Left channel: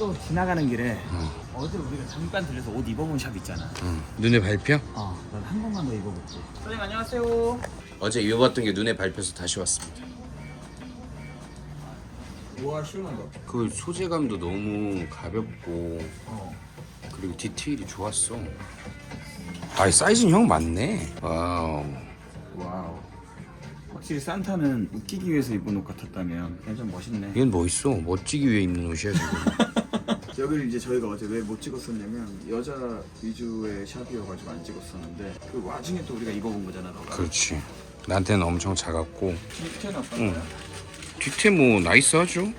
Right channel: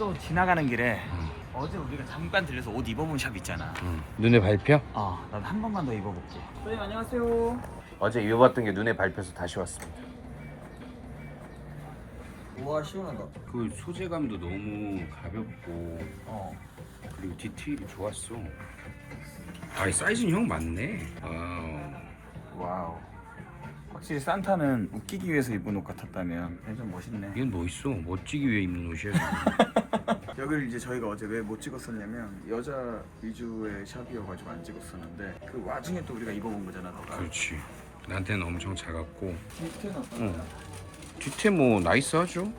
또 지나가는 길에 어제 우리가 잠깐 들려서 옷 입어본 샵 있잖아. 응. 눈에 밟혀? 어, 난 한 번만 더 입어볼게. 선생님 안녕하세요. 어제 입어봤던 게 눈에 밟혀서 다시 왔습니다. 우와 시원한가? 그 소재감도 너무 가볍고 어. 그리고 디테일이 좋았어. 아, 사이즈는 형 맞네. 와우. 와우. 확실히 산타는 웃기기 위해서 입은 옷 같았다면 완전 멋있네. 얘는 뭐 있어? 멋지기 위해 입는 옷이야 지금. 여기를 이제 저희가 어제 왜 못 찍었었냐면 여자 위주의 샵이어가지고 안 찍었었는데 그 와중에 또 우리가 입어본 거잖아 너가. 그렇지. 나한테는 엄청 작았고. 어떤 응. 거야? 뒤태 뭐 나이스하죠?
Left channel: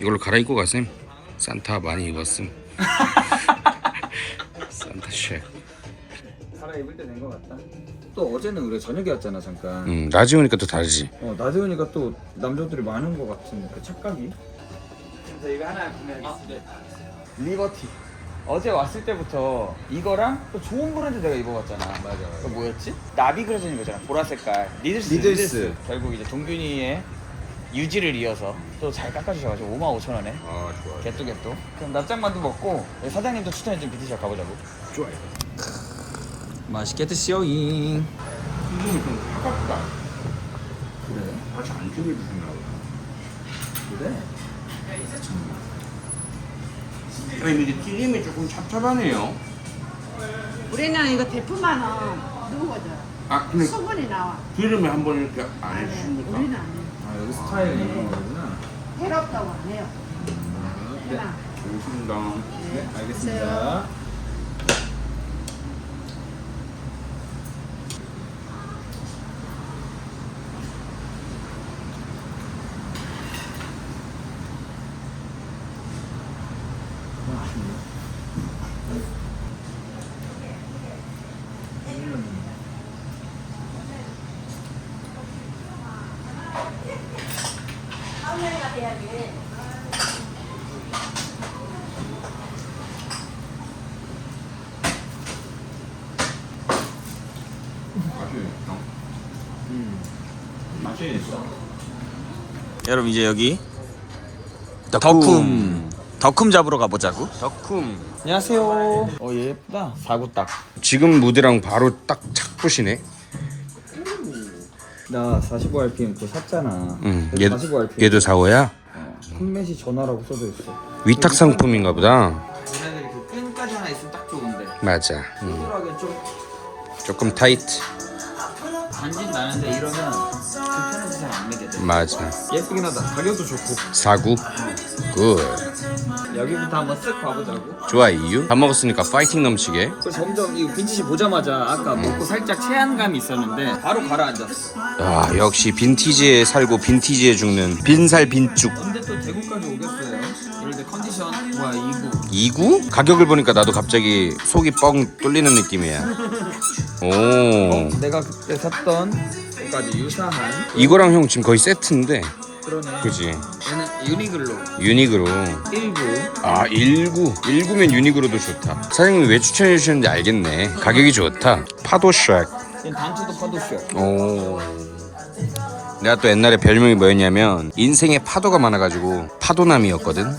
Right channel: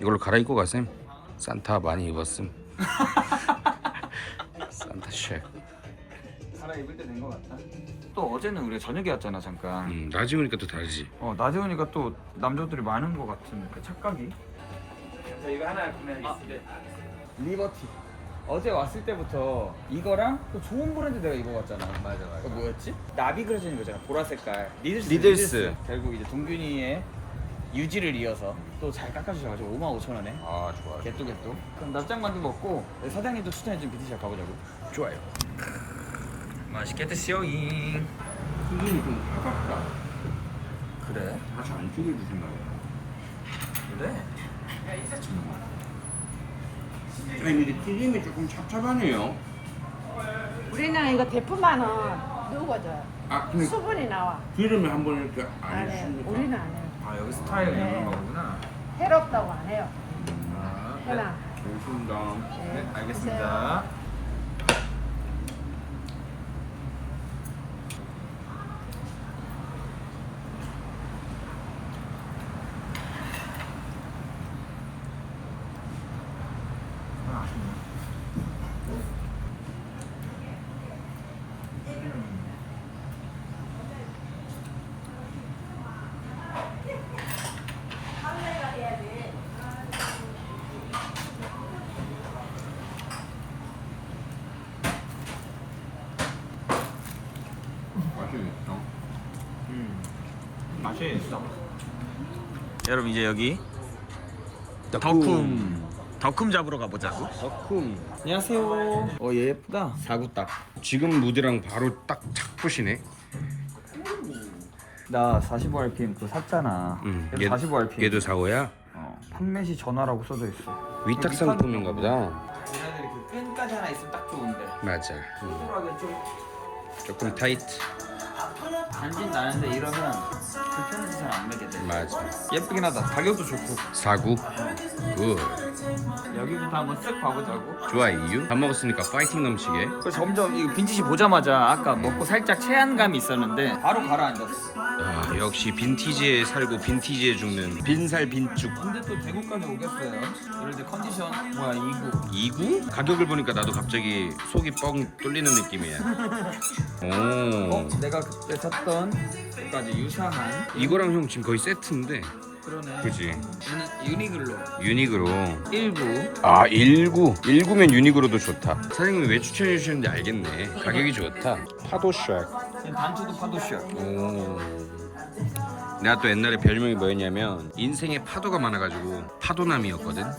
이걸로 갈아입고 가셈. 산타 많이 입었음. 산타 쉑. 갈아입을 때 된 거 같다. 또 어제는 우리가 저녁에 왔잖아 잠깐. 음, 라지 오니까 또 다르지. 어 낮에 오니까 또 남자들이 많은 것 같은 그 착각이. 그래서 이거 하나 구매하겠습니다. 리버티. 어제 왔을 때부터 이거랑 또 좋은 브랜드 내가 입어봤잖아. 맞아. 그 뭐였지? 나비 있는 거잖아. 보라 색깔. 리들스. 리들스. 결국 이제 종균이의 유지를 이어서 또 잘 깎아주셔가지고 5만 5천 원에 아 좋아. 개또 개또. 그럼 납작만두 먹고 우리 사장님도 추천해준 뷰티샵 가보자고. 좋아요. 맛있게 드시오잉. 선생님 좀 차갑다. 그래? 다시 안 튀겨주신다. 그래? 선생님 이게 튀김이 조금 찹찹하네요. 우리는 이거 대포만은 누거든 아 근데 수분이 나와 기름을 한번 이렇게 안 네, 해주십니까? 우리는 안 해요 아 여기 스타일이 이런 거구나. 해롭다고 안 해요 해나 좋습니다. 네, 알겠습니다. 맛있다. 맛이 있어. 여러분 이제 여기 덕쿰 덕쿰 잡으러 가보자고. 덕쿰. 안녕하세요. 어 얘 예쁘다. 사구 딱. 지금 무드랑 바로 딱 착붙이네. 나 45rpm 그거 샀잖아. 응. 얘 얘, 45rpm. 얘도 4호야? 어, 판매 시 전화라고 써져 있어. 위탁 상품인가 보다. 얘네들이 그 끈까지 하나 있으면 딱 좋은데. 맞아. 음. 좀 조금 타이트. 간진 나는데 이러면 불편해서 잘안 매게 돼. 맞아. 예쁘긴 하다. 가격도 좋고. 사구. 굿. 여기부터 한번 쓱 봐보자고. 좋아 이유. 밥 먹었으니까 파이팅 넘치게. 그 점점 이 빈티지 보자마자 아까 먹고 살짝 체한감이 있었는데 바로 가라앉았어. 아 역시 빈티지에 살고 빈티지에 죽는 빈살 빈죽. 또 대구까지 오겠어요. 이럴 때 컨디션 뭐야 이구. 2구? 가격을 보니까 나도 갑자기 속이 뻥 뚫리는 느낌이야. 오. 내가 그때 샀던 것까지 유사한 이거랑 형 지금 거의 세트인데. 그러네. 그지? 얘는 유니글로 유닉으로. 19. 아 19. 19면 유닉으로도 좋다. 사장님이 왜 추천해 주셨는지 알겠네. 가격이 좋다. 파도 쉑. 얘는 단투도 파도쇼. 오. 내가 또 옛날에 별명이 뭐였냐면 인생에 파도가 많아가지고 파도남이었거든.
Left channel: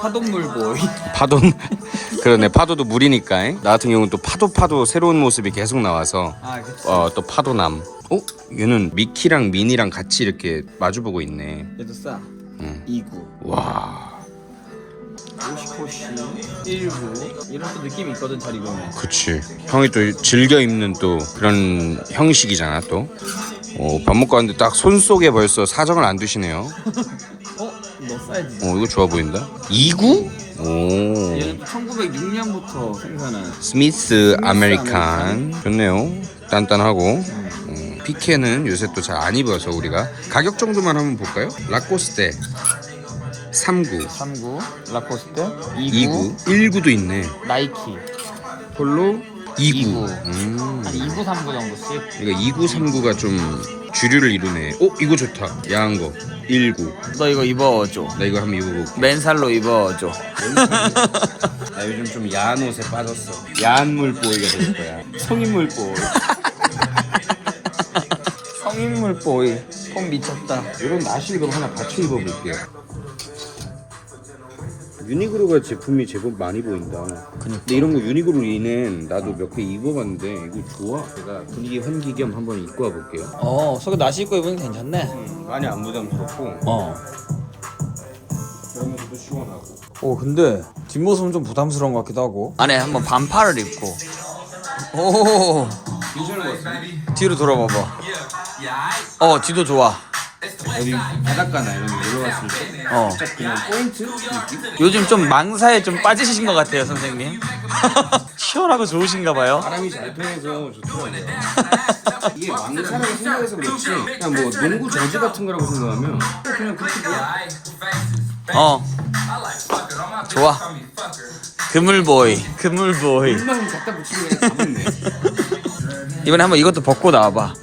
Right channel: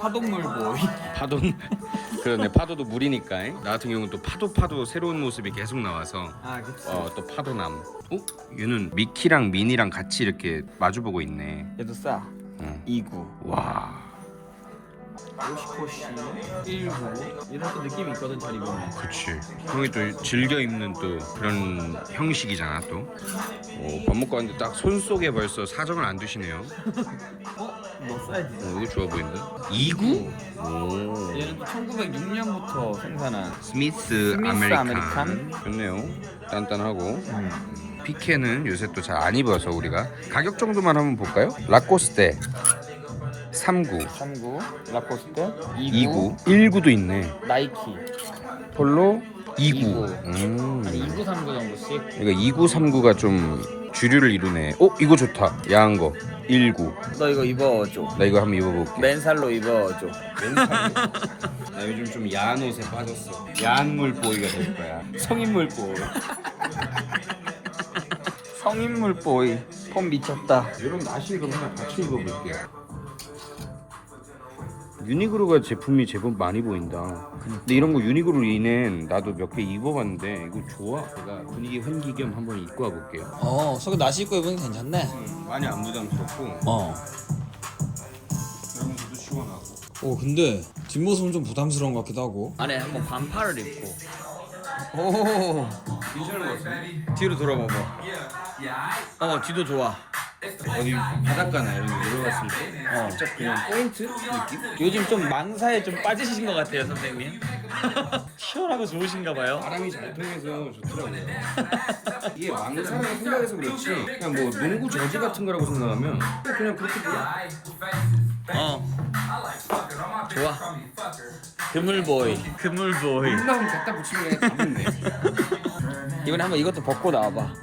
파동물 보이. 파도 그러네 파도도 물이니까 잉? 나 같은 경우는 또 파도 파도 새로운 모습이 계속 나와서 아 그치. 어 또 파도남 어? 얘는 미키랑 미니랑 같이 이렇게 마주보고 있네 얘도 싸. 응. 29. 와 50호씨 19. 이런 또 느낌이 있거든 잘 입으면. 그치 형이 또 즐겨 입는 또 그런 형식이잖아 또 어, 밥 먹고 왔는데 딱 손 속에 벌써 사정을 안 두시네요 어? 너 사이즈. 어 이거 좋아 보인다 2구? 오 얘는 또 1906년부터 생산한 스미스 아메리칸 아메리칸. 좋네요 단단하고 음, 피케는 요새 또 잘 안 입어서 우리가 가격 정도만 한번 볼까요? 라코스테 39 39. 라코스테 29 19도 있네 나이키. 폴로 29 29. 음, 한 29, 39 정도씩. 이거 29 39가 좀 주류를 이루네 어 이거 좋다 야한 거 19. 너 이거 입어줘. 나 이거 한번 입어볼게 맨살로 입어줘. 나 요즘 좀 야한 옷에 빠졌어 야한 물보이가 될 거야 성인물 보이 성인물 보이. 폼 미쳤다. 이런 나시 그럼 하나 같이 입어볼게요 유니크로가 제품이 제법 많이 보인다. 근데 이런 거 유니크로 리넨 나도 몇 개 입어봤는데 이거 좋아. 제가 분위기 환기 겸 한번 입고 와볼게요. 어 속에 나시 입고 입으면 괜찮네 많이 안 부담스럽고 어. 그러면서도 시원하고. 오 근데 뒷모습은 좀 부담스러운 것 같기도 하고 안에 한번 반팔을 입고 오 괜찮은 것 같은데? 뒤로 돌아봐봐 어 뒤도 좋아 여기 바닷가나 이런 데 놀러 갔을 때 어 살짝 그냥 포인트 느낌? 요즘 좀 망사에 좀 빠지신 것 같아요 선생님 시원하고 좋으신가 봐요 바람이 잘 통해서 좋더라고요. 이게 망사라고 생각해서 그렇지 그냥 뭐 농구 저지 같은 거라고 생각하면 또 그냥 그렇게 보여. 어 좋아 그물보이 그물보이 금방 갖다 붙이면 그냥 가겠네. 이번에 한번 이것도 벗고 나와봐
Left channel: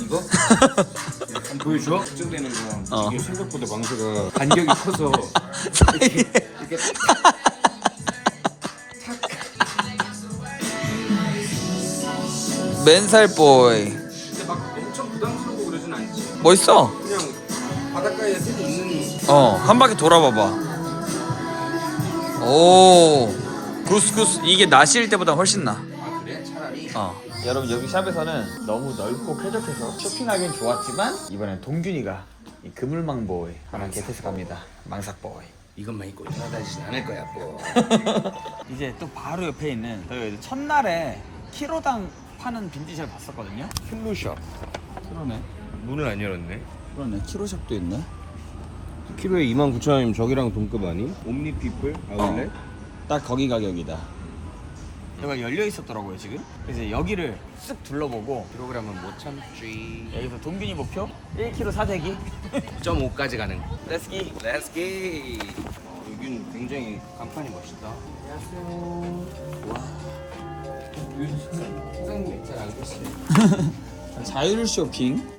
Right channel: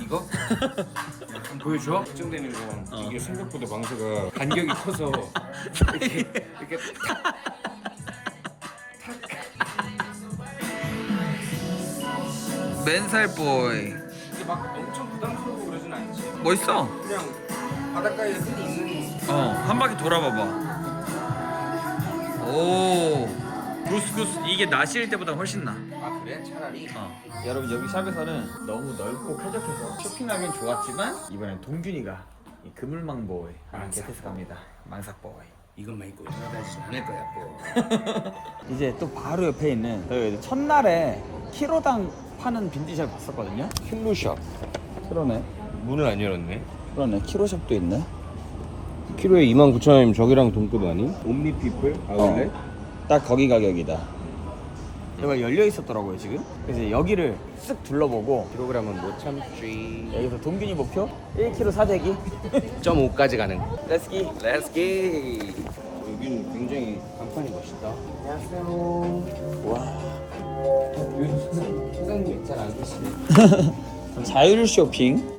이거? 보여줘? 걱정되는 거. 어. 이게 생각보다 망사가 간격이 커서 이렇게 이렇게 맨살 보이. 근데 막 엄청 부담스럽고 그러진 않지. 멋있어? 그냥 바닷가에 흔히 있는 어 한 바퀴 돌아봐봐. 오 구스구스 이게 나시일 때보다 훨씬 나 어. 여러분 여기 샵에서는 너무 넓고 쾌적해서 쇼핑하기엔 좋았지만 이번엔 동균이가 이 그물망보에 망사했을 겁니다. 망사보이. 이것만 입고 돌아다니진 않을 거야 뭐. 이제 또 바로 옆에 있는 저희 첫날에 키로당 파는 빈티지를 봤었거든요. 힐루샵 그러네. 문을 안 열었네. 그러네. 키로샵도 있네. 키로에 29,000원이면 저기랑 동급 아니? 옴니피플 아울렛? 딱 거기 가격이다. 여기가 열려 있었더라고요 지금. 그래서 여기를 쓱 둘러보고 킬로그램은 못 참지. 여기서 동균이 목표 1kg 사재기. 0.5까지 가능. 렛츠기. 렛츠기. 여기는 굉장히 간판이 멋있다. 와. 사장님 잘 알고 계시네. 자율 쇼핑.